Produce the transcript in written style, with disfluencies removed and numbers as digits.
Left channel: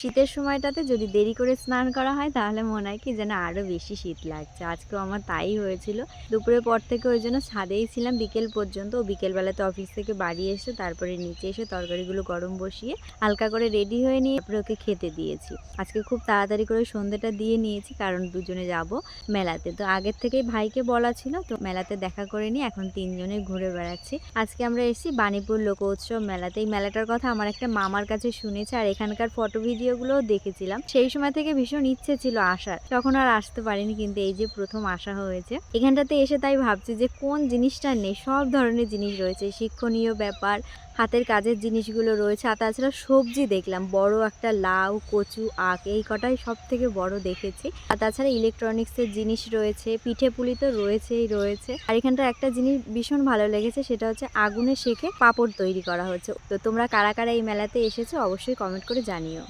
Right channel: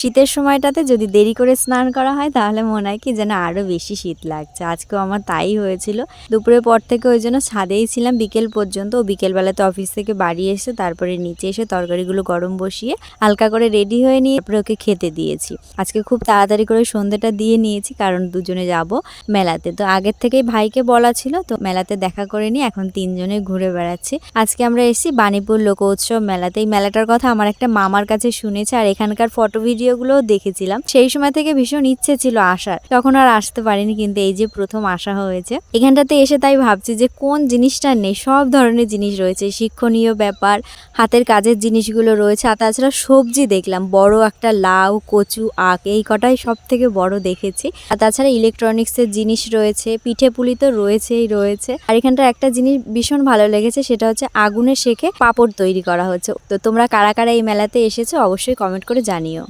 শীতের সময়টাতে যদি দেরি করে স্নান করা হয় তাহলে মনে হয় কি যেন আরো বেশি শীত লাগছে। আজকেও আমার তাই হয়েছিল। দুপুরের পর থেকে ওইজন্য ছাদেই ছিলাম বিকেল পর্যন্ত। বিকেলবেলাতে অফিস থেকে বাড়ি এসে তারপরে নিচে এসে তরকারিগুলো গরম বসিয়ে হালকা করে রেডি হয়ে নিয়ে তারপরে ওকে খেতে দিয়েছি। আজকে খুব তাড়াতাড়ি করে সন্ধ্যেটা দিয়ে নিয়েছি কারণ দুজনে যাব মেলাতে। তো আগের থেকেই ভাইকে বলা ছিল, তো মেলাতে দেখা করে নিয়ে এখন ৩ জনে ঘুরে বেড়াচ্ছি। আজকে আমরা এসেছি বাণীপুর লোক উৎসব মেলাতে। এই মেলাটার কথা আমার একটা মামার কাছে শুনেছি আর এখানকার ফটো ভিডিওগুলোও দেখেছিলাম। সেই সময় থেকে ভীষণ ইচ্ছে ছিল আসার, তখন আর আসতে পারিনি, কিন্তু এই যে প্রথম আসা হয়েছে এখানটাতে এসে তাই ভাবছি যে কোন জিনিসটা নেই। সব ধরনের জিনিস রয়েছে, শিক্ষণীয় ব্যাপার, হাতের কাজের জিনিসগুলো রয়েছে। আর তাছাড়া সবজি দেখলাম, বড় একটা লাউ, কচু, আখ, এই কটাই সব থেকে বড় দেখেছি। আর তাছাড়া ইলেকট্রনিক্সের জিনিস রয়েছে, পিঠে পুলি তো রয়েছেই রয়েছে। আর এখানটার একটা জিনিস ভীষণ ভালো লেগেছে, সেটা হচ্ছে আগুনে সেঁকে পাঁপড় তৈরি করা হচ্ছে। তো তোমরা কারা কারা এই মেলাতে এসেছো অবশ্যই কমেন্ট করে জানিও।